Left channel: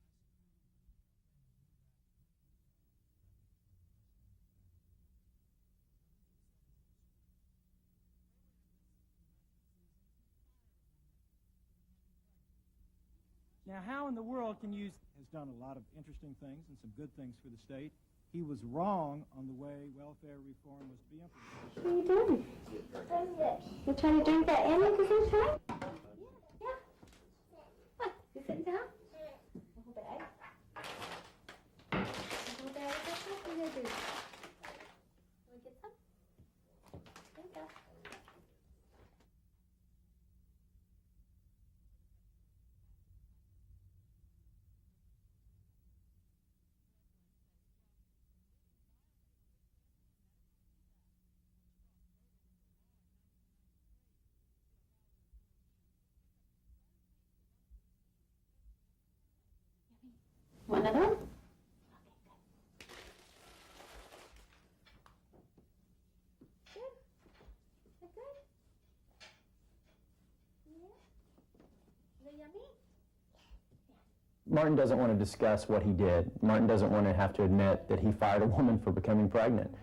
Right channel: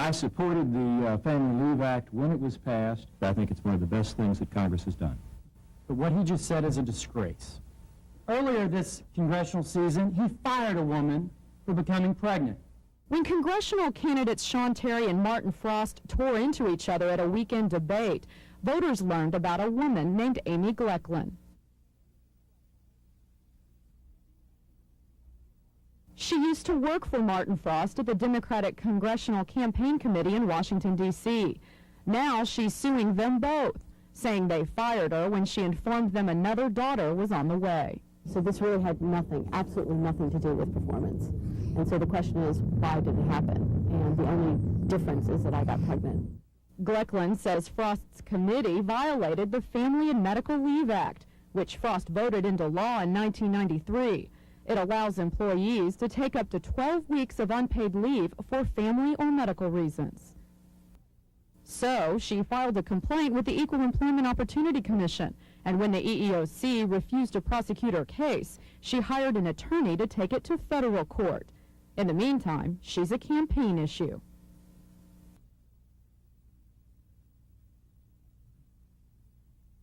I supported the Family Leave Act when it was passed. I think it's one of the best things that Congress has done. But what he just said is a disgrace. Earlier this congressional season, he fired a woman for becoming pregnant. When congressional candidates Sean Terry and Martin Frost tore into each other at a weekend debate, voters learned about a woman named Amy Glecklin. What are you doing? You trying to drink that Amy at the same time? She used to work for Martin Frost at the Democratic Congressional Campaign Committee in Washington, D.C. Now she's suing them both, saying they fired her when she informed them another daughter was on the way. So this really had nothing, absolutely nothing to do with performance. And so the question is, why did it happen? And the only difference is that I got pregnant. Glecklin says Frost's committee violated the Family and Medical Leave Act, which Frost voted into law in 1993. It allows employees to take up to 12 weeks of unpaid leave for family or medical reasons. One of them? So she filed a complaint with the Equal Employment Opportunity Commission, and when the EEOC refused to prosecute her case, she hired an attorney to take it to federal court. In the meantime, she's a campaign issue. Martin doesn't want to discuss what he did. Martin doesn't want to have to admit that he fired a woman for becoming pregnant.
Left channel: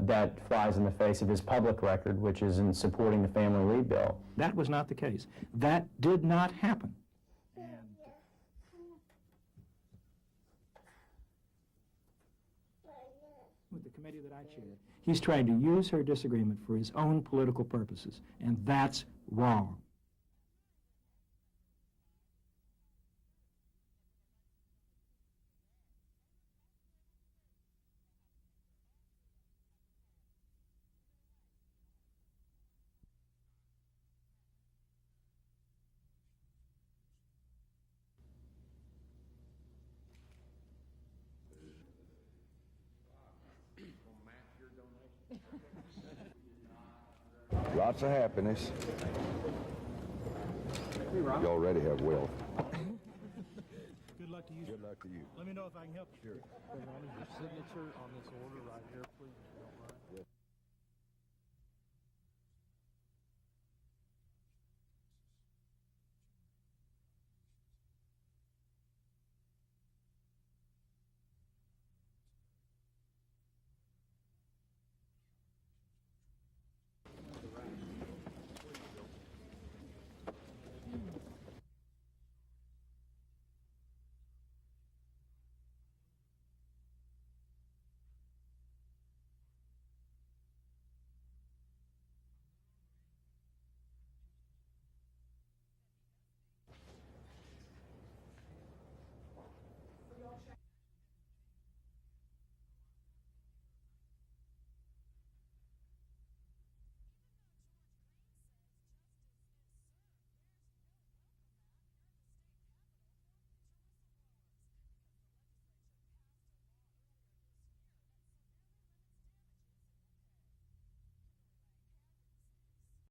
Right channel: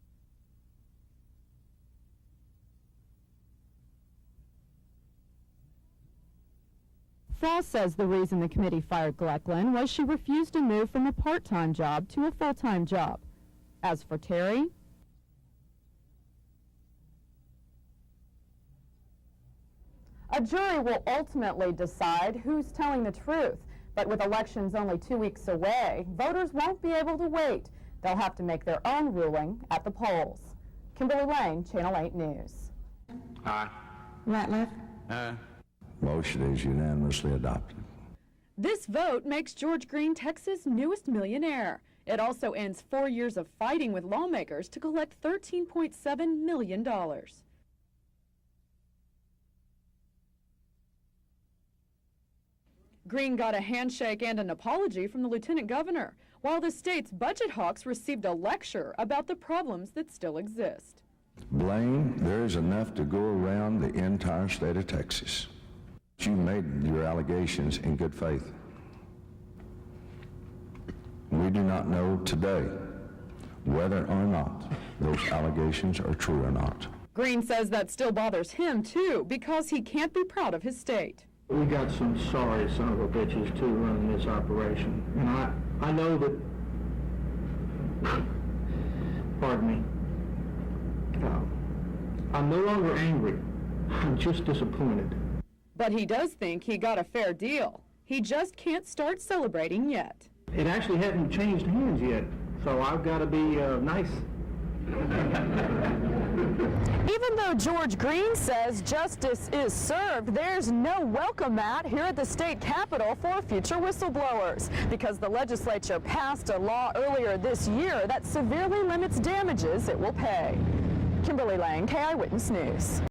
That flies in the face of his public record, which is in supporting the family leave bill. That was not the case. That did not happen. Frost says the reason the committee fired Glecklin was she refused to move from a part-time job to a full-time job. As for Terry, He's trying to use her disagreement for his own political purposes, and that's wrong. a jury will ultimately decide who's telling the truth. But with elections only 2 weeks away, voters won't be able to wait. They'll have to make their own ruling at the polls. Kimberly Lane, Channel 8 News. Aye. Ratliff? Aye. Motion is unanimously adopted. This vote makes George Green Texas' newest millionaire. It also ends 4 years of fighting with lawmakers to collect $13.7 million. Lots of happiness. You already have wealth. Green got a handshake and an apology from the lieutenant governor, while the state's budget hawks received a lecture about the problems that still exist. Blaine, there is enough to go around the entire state of Texas. You made your allegations in good faith. We do not know today whether or not those allegations are true or not. Green says that still bothers him, too, because he can't be proud of his state. We got some sorry son of a bitches, too, running this operation. And I know that, pardon me, I'm no longer angry. I'm just disappointed. But he does think he got a fair deal. He just can't start celebrating yet. It actually hasn't changed hands yet, so I've got to be nice. Even though George Green says justice is served, there's no welcome mat here at the state capitol for future whistleblowers, because the legislature passed a law earlier this year that severely limits damages it will pay. Kimberly Lang, KI Witness News.